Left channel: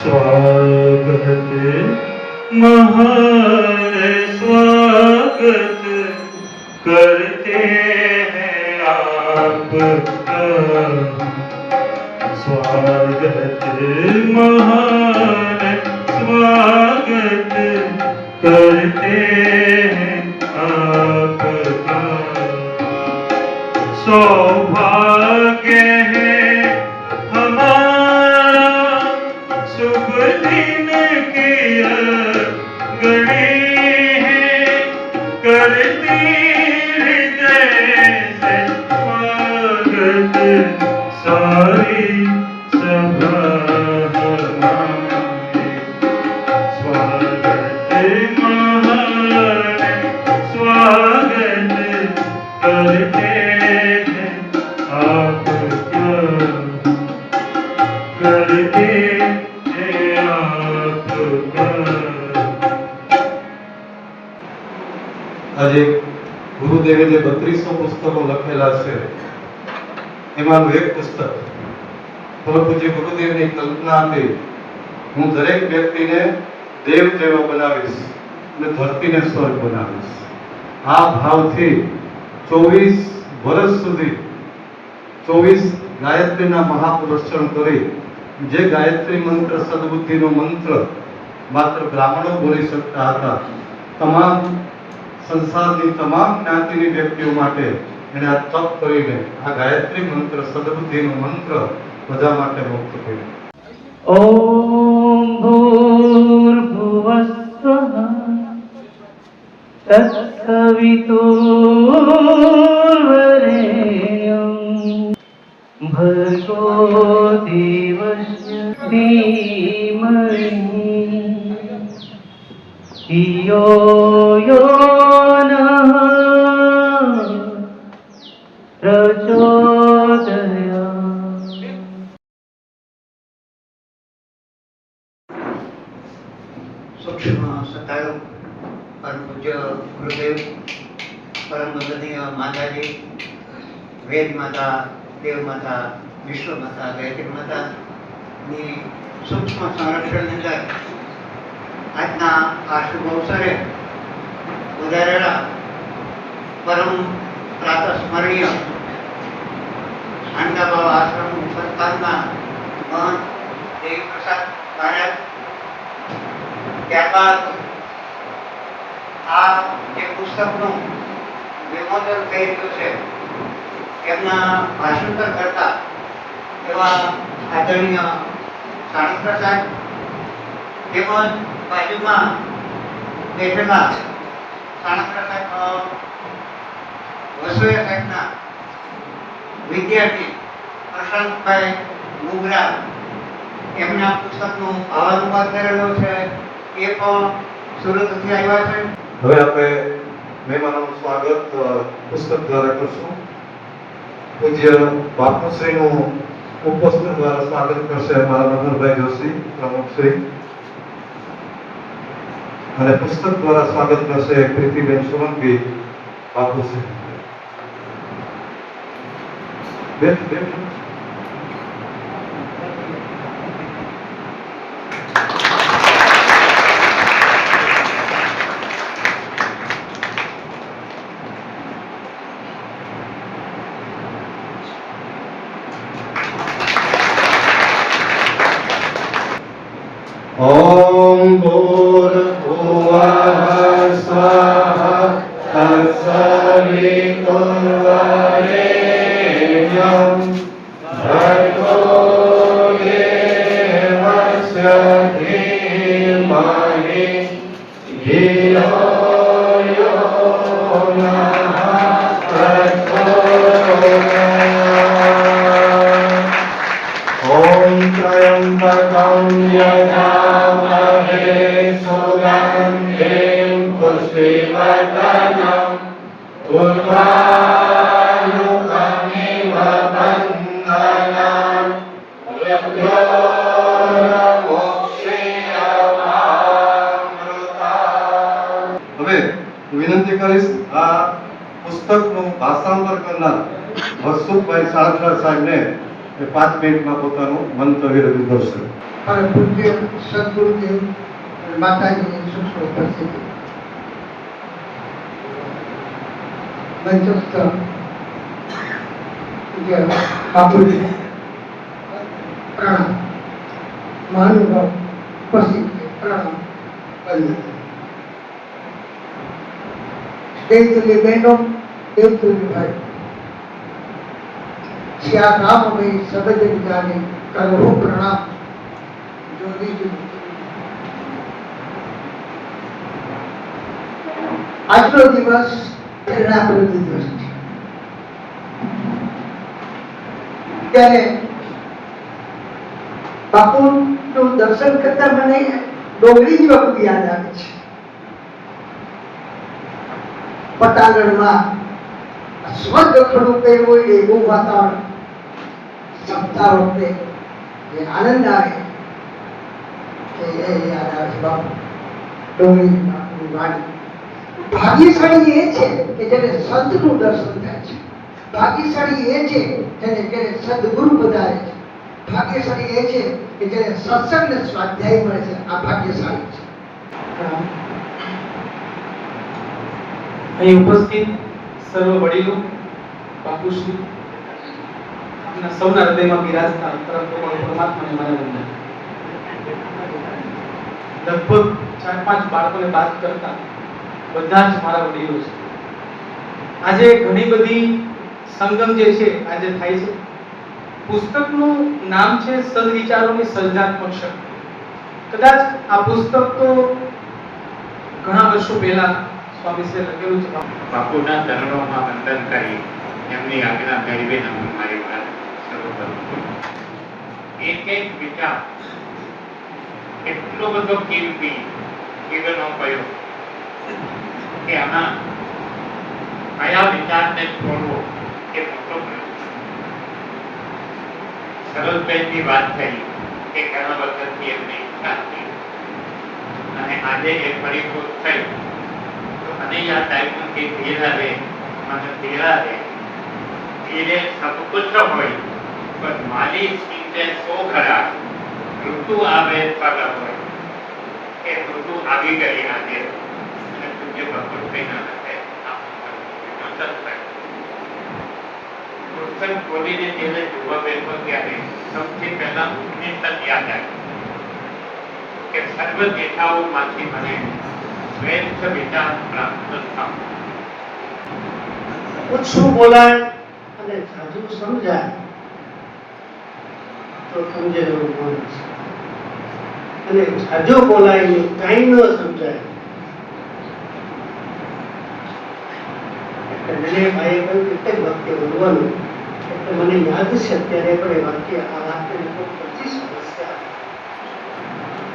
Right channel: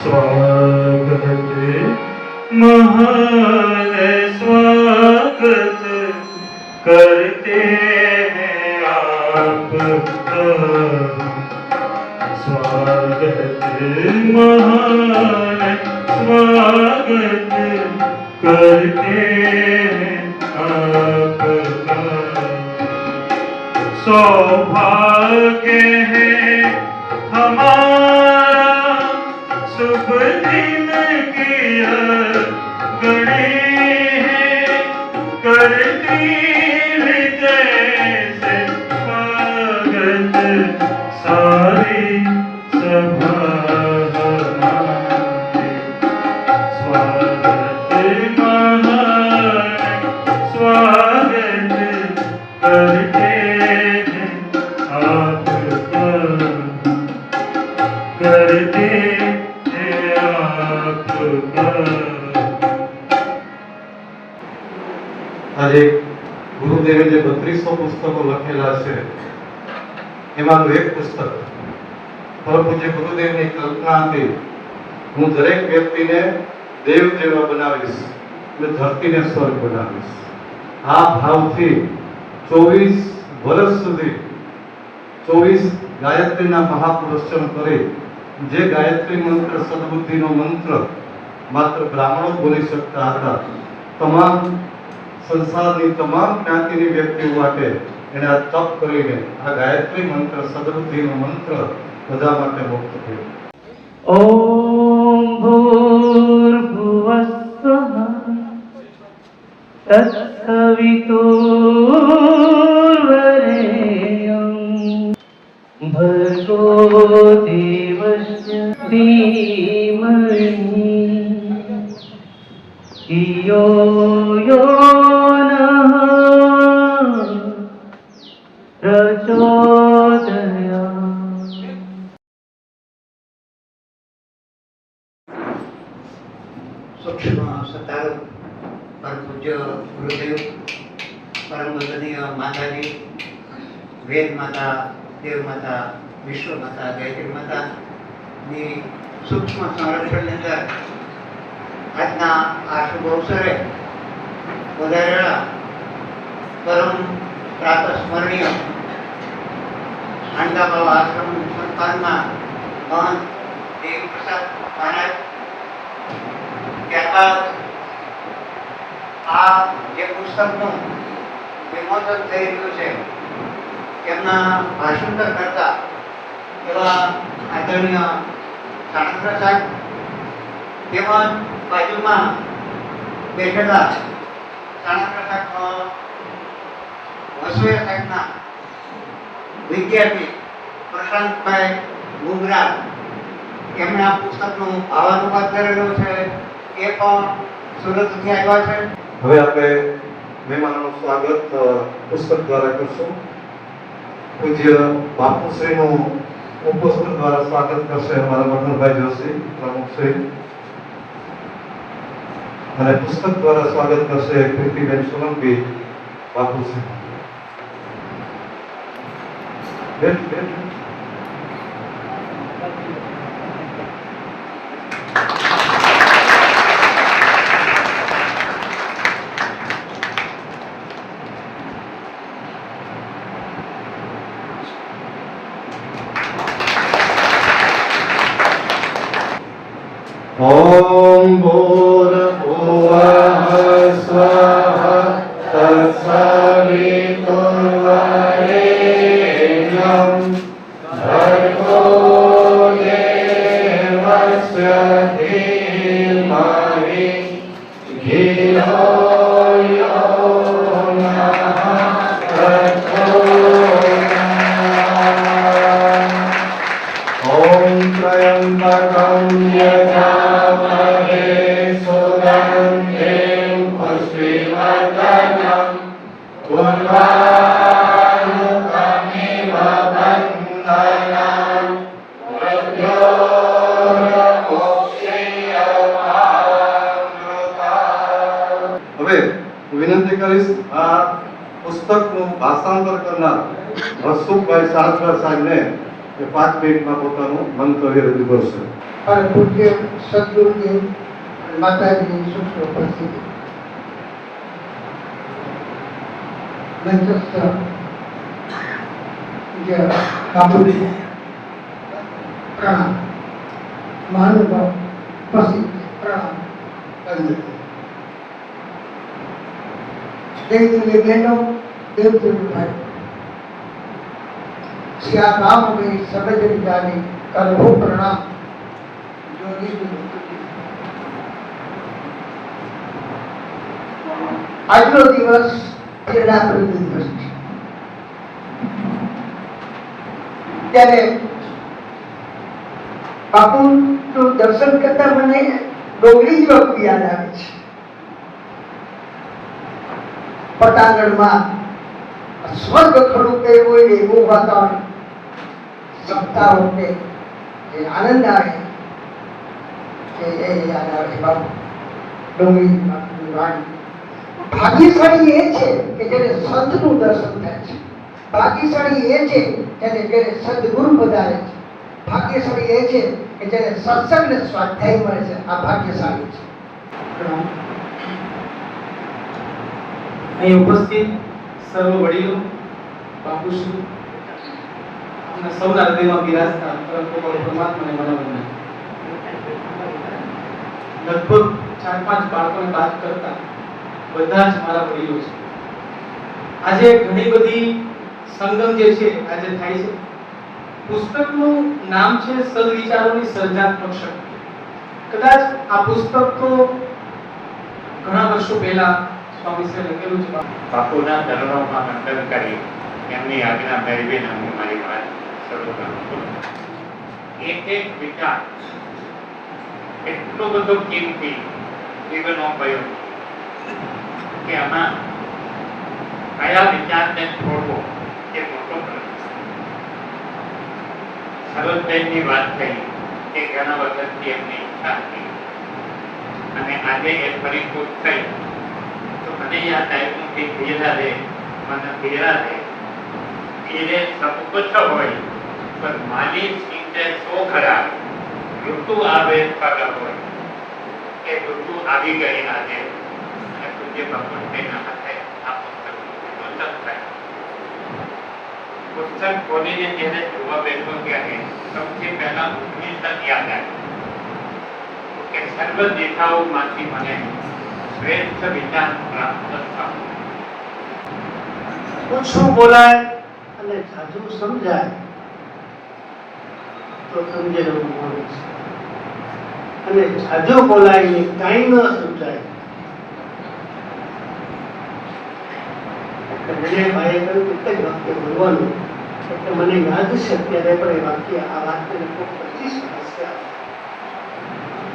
स्वागत महान स्वागत करते हैं आपका। स्वागत महान स्वागत करते हैं आपका। सौभाग्य है हमारा शुभ दिन किया गणी है करती जैसे स्वागत सारी सभा हमारी। स्वागत महान स्वागत करते हैं आपका। करते આજે ગુરુદેવે જે 3200 પુસ્તકો લખેલા છે એમાંનું એક પુસ્તક પરમ પૂજ્ય ગુરુદેવની કલ્પના હતી, હું દરેક વ્યક્તિને દેવ જેવા બનાવીશ અને ધરતીને સ્વર્ગ બનાવીશ. આ ભાવથી 24 વર્ષ સુધી 24 ગાયત્રીના મહાપુરુષણ કરી જે ગાયત્રી મંત્ર સદબુદ્ધિનો મંત્ર માત્ર બ્રાહ્મણો બોલી શકતા હતા, તમામ સંસારની તમામ જ્ઞાતિની વ્યક્તિઓ માટે એણે આ તપ કરીને આ ગાયત્રી મંત્ર સદબુદ્ધિનો મંત્ર બધા માટે મુક્ત કર્યો. ઓમ ભૂર્ભુવસ્સઃ તત્સવિતુર્વરેણ્યં ભર્ગો દેવસ્ય ધીમહિ ધિયો યો નઃ પ્રચોદયાत्. સૂક્ષ્મ સતારો પરમ પૂજ્ય ગુરુદેવ, પરમ વંદનીય માતાજી, વેદ માતા, દેવ માતા, વિશ્વ માતા, ગાયત્રી માતાની સૂક્ષ્મ સંરક્ષણની અંદર આજના આ શુભ અવસરે ઉદારેલા પરમ પ્રાતસ્મરણીય આંડાબાવ આશ્રમ સંસ્થાનમાં મહંત દેવપ્રસાદ મહારાજ, ત્યારબાદ આ જે પુસ્તકનું વિમોચન થઈ રહ્યું છે એમના ભાષાંતર કરતા એવા આદરણીય સાણંદ સાહેબ, તેમજ બાજુમાં બેઠેલા સાણંદ સાહેબનો વસુયા સાહેબના વિદ્યાર્થી પ્રશાંતભાઈ મુગરા, એમણે આ પુસ્તકનું ભાવાનુવાદ કરેલો છે, એ પણ સુરતથી આવ્યા છે. હવે આપણે મહેમાનોનું સ્વાગત પુસ્તક દ્વારા કરશું. પૂજ્ય બાપુશ્રીનું ઉપસ્થિત દ્વારા સ્વાગત કરશે અમારા મધુરભાઈ જોશી પ્રમુખશ્રી, અને પુસ્તક દ્વારા સ્વાગત કરશે કૃતિબેન સોલંકી બાપુશ્રી. બેઠ બેઠ. ઓમ ભૂર્ભુવઃ સ્વઃ તત્સવિતુર્વરેણ્યં ભર્ગો દેવસ્ય ધીમહિ ધિયો યો નઃ પ્રચોદયાत्. ઓમ ત્રયંબકં યજામહે સુગંધિં પુષ્ટિવર્ધનં ઉર્વારુકમિવ બંધનાન મૃત્યોર્મોક્ષીયમામૃતાत्. હવે વિનંતી કરીશ આ પુસ્તકનું ભાષાંતર કરનાર હર્ષુભાઈ સાળખરા સાહેબને 5 મિનિટમાં પોતાનું મંતવ્ય રજૂ કરશે. પરમ પૂજ્ય સદગુરુદેવ માતાજીની સૂક્ષ્મ ઉપસ્થિતિ મંચસ્થ પૂજ્ય બાપુને પ્રણામ, મહાનુભાવ ઉપસ્થિત પ્રણામ કરીએ. દેવતુલ્ય બહેનો, દેવતુલ્ય ભાઈ, શ્રી રામ में सबज जाने करो प्रणाम. આજનો દિવસ પ્રેરણાપ્રદ દિવસ છે. ત્યારે બાપુનું દર્શન કરતા મને ડોંગરી જ વખત યાદ આવે છે. પટાંગણમાં સ્વર્ગ ખડું કર્યું હોય ને એવું વાતાવરણ, સપ્તાહ વખતે જે આનંદ આવે કે એ યાદ આવે છે બાપુ ડોંગરી બાપુની વાણી. ભાગ્યશાળી એ છે કે જેને સંતનું દર્શન થાય છે. ભાગ્યશાળી એ છે જેને ઘરે સદગુરુ પધારે છે. ભાગ્યશાળી એ છે કે જેને સત્સંગ ને સ્વાધ્યાય મળે છે. આ ભાગ્યશાળી છે. અહીં ઉપસ્થિત સર્વ વડીલો, બાપુશ્રી, આપના સૌના હૃદયમાં બિરાજતા પરમ પરમાત્માને મારા વંદન. લગભગ 4-5 બાળકોને વાત કરતા બધા જ મારા વડીલો છે. આજે ઘણી બધી સંગમ જે છે આજે થાય છે. પુસ્તકનું નામ છે સદવિચારોની સર્જનાત્મક શક્તિ. કદાચ આ પુસ્તક તો ઘણા વર્ષો પહેલા સ્વામીશ્રીએ લખેલું છે. બાપુના ચરણોમાં વંદન કરી એમની આજ્ઞા મેળવીને હું મારી વાત શરૂ કરું છું. એક વિચાર એટલો બધો કિંમતી જીવનો ગયો કે આમાં કયા વિચારને છોડવો એ મોટો પ્રશ્ન. સરોજબેનની વાત થઈ કે ઘણા વખતથી એમની ઈચ્છા હતી અને આજે એ પરિપૂર્ણ થઈ. તો મને યાદ આવ્યું કે ધીરે રે મને ધીરા રે, ધીરે સબ કુછ હોય પર માલી સીંચે સો ખરા, ઋતુ આવે પગ હોય. એ ઋતુ આવી ગઈ આજે અને પૂજ્ય ભગવતભાઈના હાથે આ પુસ્તક થાય. પુસ્તક ખોલીને જ્યારે જોવા બેઠો ત્યારે સૌથી પહેલા ઉની તક યાદ આવી કે સર્વ દિશાઓમાંથી મને શ્રેષ્ઠ વિચાર પ્રાપ્ત થયો. ઓછું બોલાય અને જાજુ સમજાય તો સમજેલું મળે છે, અને જાજુ બોલાય ને કાંઈ ન સમજાય. વિનયભાઈએ કહ્યું કે એક જ વાક્ય બોલવાનું, એટલે મને યાદ છે અત્યારે પણ એ વાક્ય આ વાક્યને ખૂબ 25 વર્ષ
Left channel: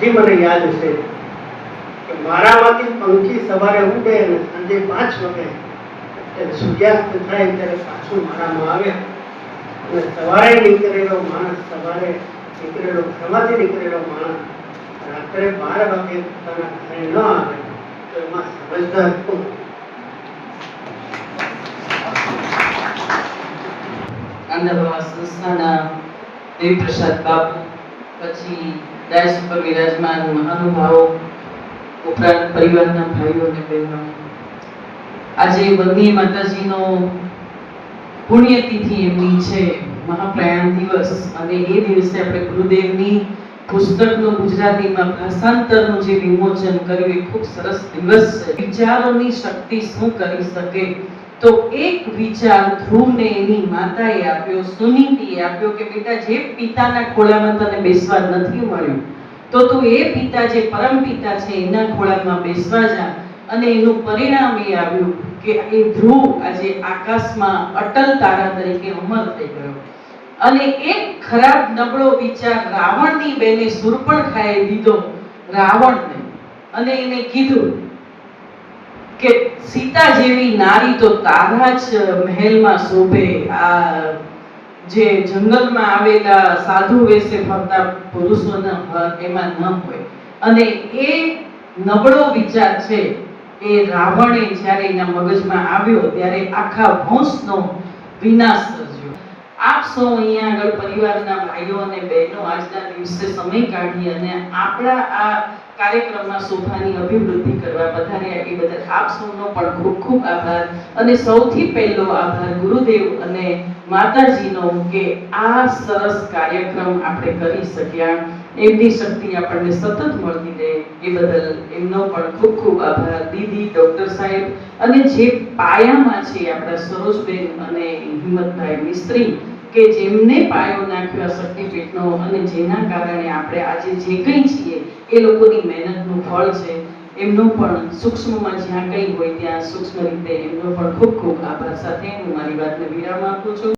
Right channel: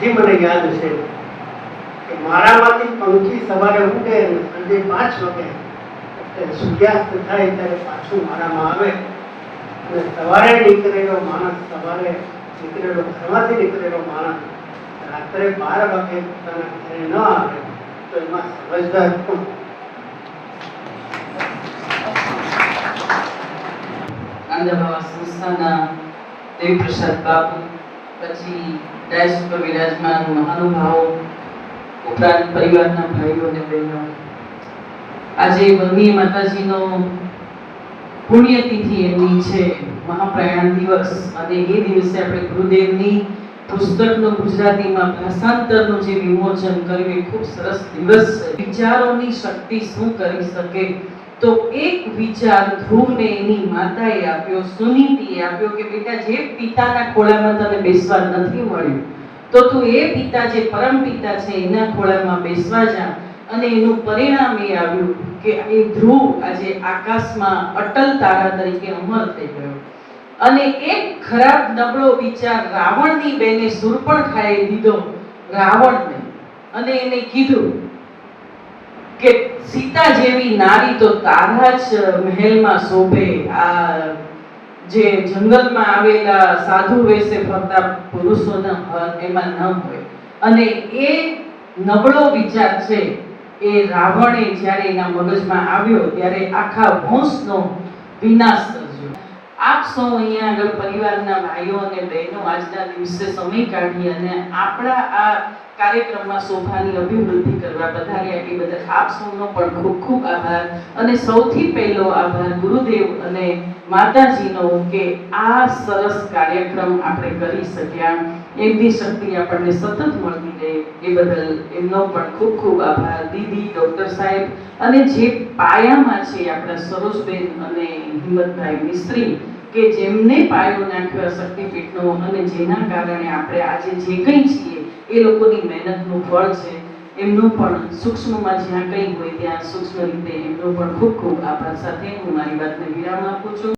જે મને યાદ છે કે મારામાંથી પંખી સવારે ઉડે અને સાંજે 5 વાગે સૂર્યાસ્ત થાય ત્યારે પાછું મારામાં આવે. અને સવારે નીકળેલો માણસ, સવારે નીકળેલો, ઘરમાંથી નીકળેલો માણસ રાત્રે 12 વાગે પોતાના ઘરે ન આવે તો એમાં સમજદાર કોણ? આંદાબાવા સંસ્થાના દેવપ્રસાદ બાપુ, પછી ડાયસ ઉપર વિરાજમાન મહાનુભાવો, ઉપરાંત પરિવારના ભાઈઓ અને બહેનો, આજે વંદનીય માતાજીનો પુણ્યતિથિ એમની છે, મહાપ્રયાણ દિવસ. અને એ દિવસે આપણે ગુરુદેવની પુસ્તકનું ગુજરાતીમાં ભાષાંતરનું જે વિમોચન કર્યું એ ખૂબ સરસ દિવસ છે. વિચારોની શક્તિ શું કરી શકે? તો એક વિચાર ધ્રુવને એની માતાએ આપ્યો, સુનીતિએ આપ્યો કે બેટા, જે પિતાના ખોળામાં તને બેસવા નથી મળ્યું તો તું એ પિતા, જે પરમ પિતા છે, એના ખોળામાં બેસવા જા. અને એનું પરિણામ એ આવ્યું કે એ ધ્રુવ આજે આકાશમાં અટલ તારા તરીકે અમર થઈ ગયો. અને એક ખરાબ નબળો વિચાર રાવણની બેને શૂર્પણખાએ દીધો રાવણને, અને એને કીધું કે સીતા જેવી નારી તો તારા જ મહેલમાં શોભે, આ જે જંગલમાં આવેલા સાધુ વેશે ફરતા પુરુષોના ઘર એમાં ન હોય. અને એ નબળો વિચાર છે એ રાવણે જ્યારે એના મગજમાં આવ્યો ત્યારે આખા વંશનો વિનાશ સર્જ્યો. આપ સૌ અહીંયા આગળ પરિવારના ભાઈઓ અને બહેનો આજના દિવસે સમય કાઢી અને આપણા આ કાર્યક્રમમાં શોભાની અભિવૃદ્ધિ કરવા પધાર્યા એ બદલ આપ સૌનો પણ ખૂબ ખૂબ આભાર. અને સૌથી પહેલો આભાર ગુરુદેવ અને માતાજીનો કે આ સરસ કાર્યક્રમ આપણે કરી શક્યા. એમની શક્તિ આપણને સતત મળતી રહે એ બદલ એમનો પણ ખૂબ ખૂબ આભાર. દીદી, ડોક્ટર સાહેબ અને જે પાયામાં છે આપણા સરોજબેન અને હિંમતભાઈ મિસ્ત્રી કે જેમને પાયો નાખ્યો શક્તિપીઠનો અને જેના કારણે આપણે આજે જે કંઈ છીએ એ લોકોની મહેનતનું ફળ છે. એમનો પણ સૂક્ષ્મમાં જ્યાં કંઈ હોય ત્યાં સૂક્ષ્મ રીતે એમનો પણ ખૂબ ખૂબ આભાર સાથે હું મારી વાતને વિરામ આપું છું.